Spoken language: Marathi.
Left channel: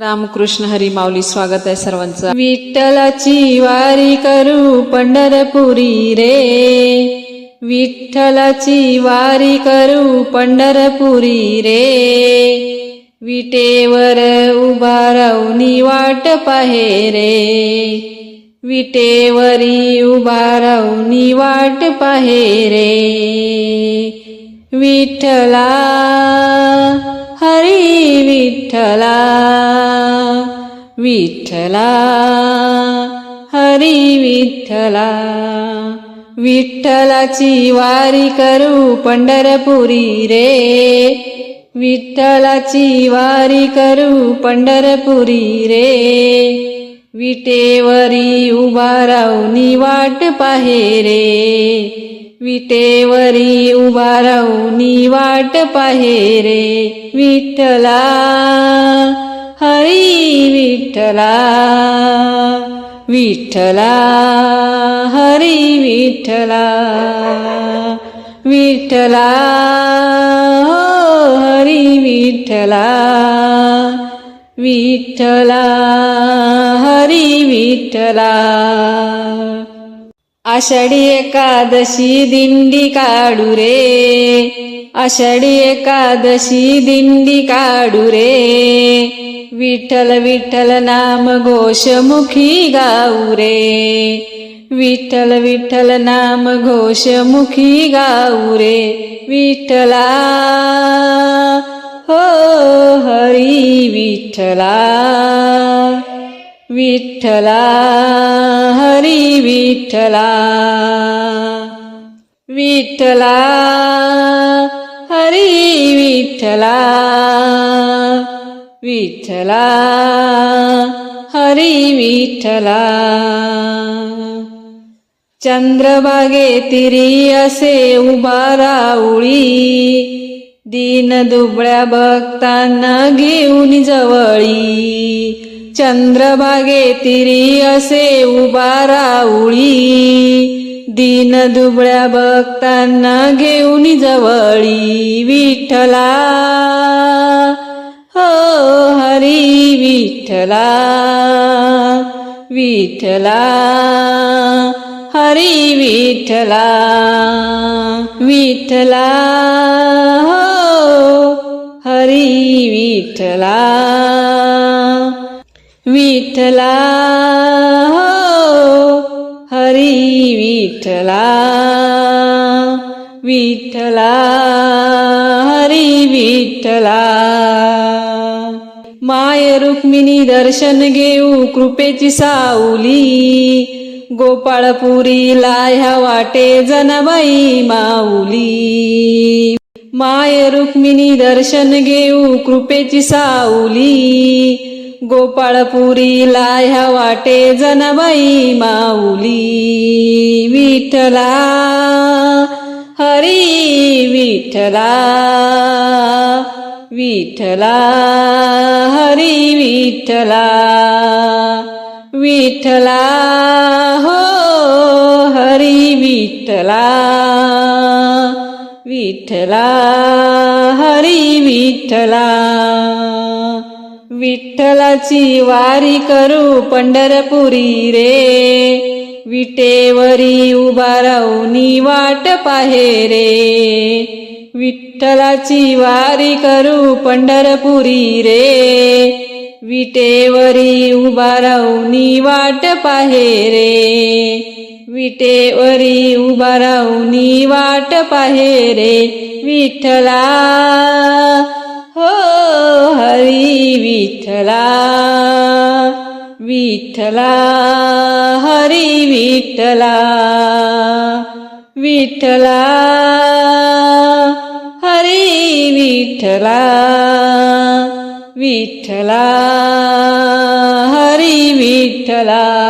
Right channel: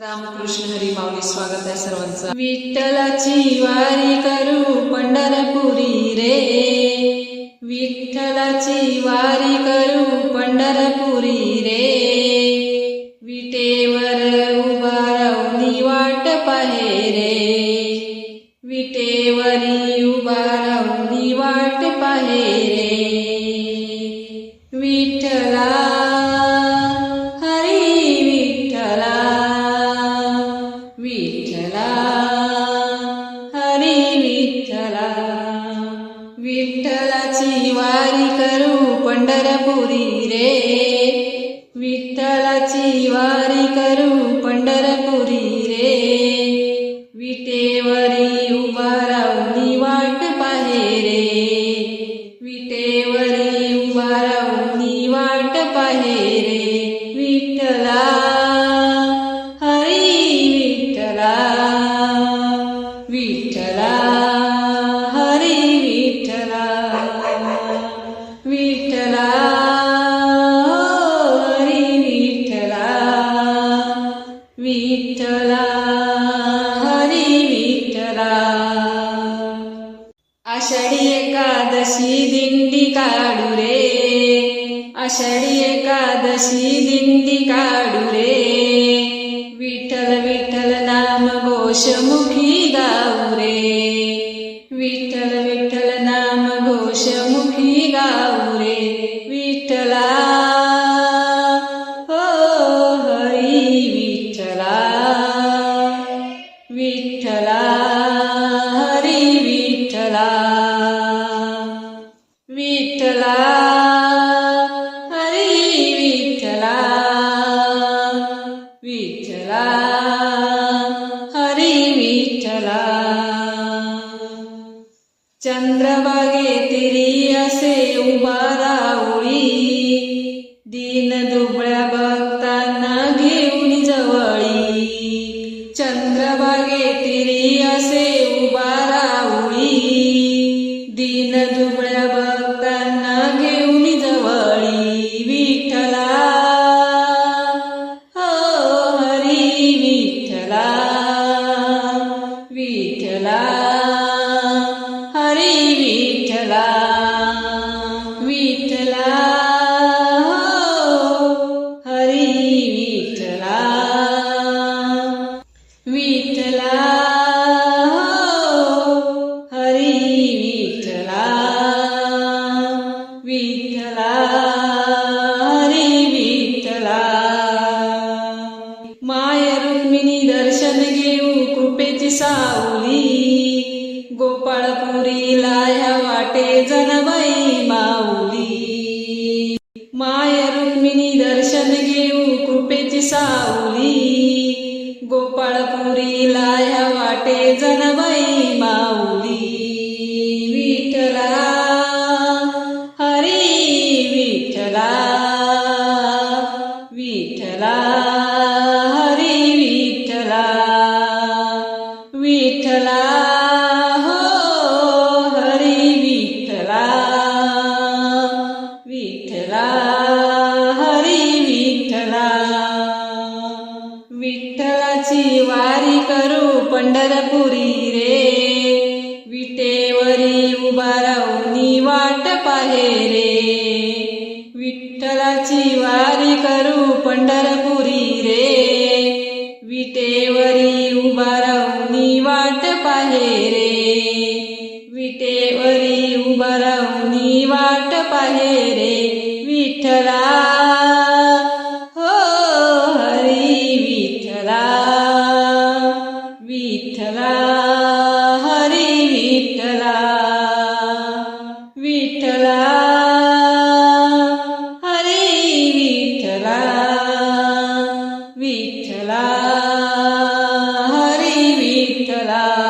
रामकृष्ण हरी माऊली स्वागत आहे सर्वांचं. विठ्ठलाची वारी करू पंढरपुरी रे. विठ्ठलाची वारी करू पंढरपुरी रे. विटेवर उभा राहूनी वाट पाहे रे. विटेवरी उभा राहूनी वाट पाहे रे. विठ्ठला हरी विठ्ठला. विठ्ठला हरी विठ्ठला विठ्ठलाची वारी करू पंढरपुरी रे. विठ्ठलाची वारी करू पंढरपुरी रे. विटेवरी उभा राहुनी वाट पाहे रे. विटेवरी उभा राहुनी वाट पाहे रे. विठ्ठला हरी विठ्ठला विठ्ठला हरी विठ्ठला विठ्ठला हो हरी विठ्ठला विठ्ठला हरी विठ्ठला. आषाढी एकादशी दिंडी काढू रे आषाढी एकादशी दिंडी काढू रे. विठ्ठल विठ्ठल नाम घोषमुखी गाऊ रे विठ्ठल विठ्ठल नाम घोषमुखी गाऊ रे विठ्ठला हो हरी विठ्ठला. विठ्ठला हरी विठ्ठला. विठ्ठला विठ्ठला हरी विठ्ठला. चंद्रभागे तिरी असे उभा राऊळी दीन दुबळ्या भक्तांना घेऊन जवळी. चंद्रभागे तिरी असे उभा राऊळी दीन दुबळ्या भक्तांना घेऊन जवळी. विठ्ठला हरी विठला विठला हो हरी विठला विठ्ठला हो हरी विठ्ठला विठ्ठला. रुक्मिणी दर्शन घेऊ कृपेची सावली. गोपाळपुरीला ह्या वाटे जनबाई माऊली. माय रुक्मिणी दर्शन घेऊ कृपेची सावली. गोपाळपुरीला ह्या वाटे जनबाई माऊली. विठला हरी विठ्ठला. विठ्ठला हरी विठ्ठला विठ्ठला हो हरी विठ्ठला विठ्ठला हरी विठ्ठला विठ्ठलाची वारी करू पंढरपुरी रे. विटेवरी उभा राहूनी वाट पाहे रे. विठ्ठलाची वारी करू पंढरपुरी रे. विटेवरी उभा राहुनी वाट पाहे रे. विटेवरी उभा राहुनी वाट पाहे रे. विठ्ठला हो हरी विठ्ठला. विठ्ठला हरी विठ्ठला. विठ्ठला विठ्ठला हरी विठ्ठला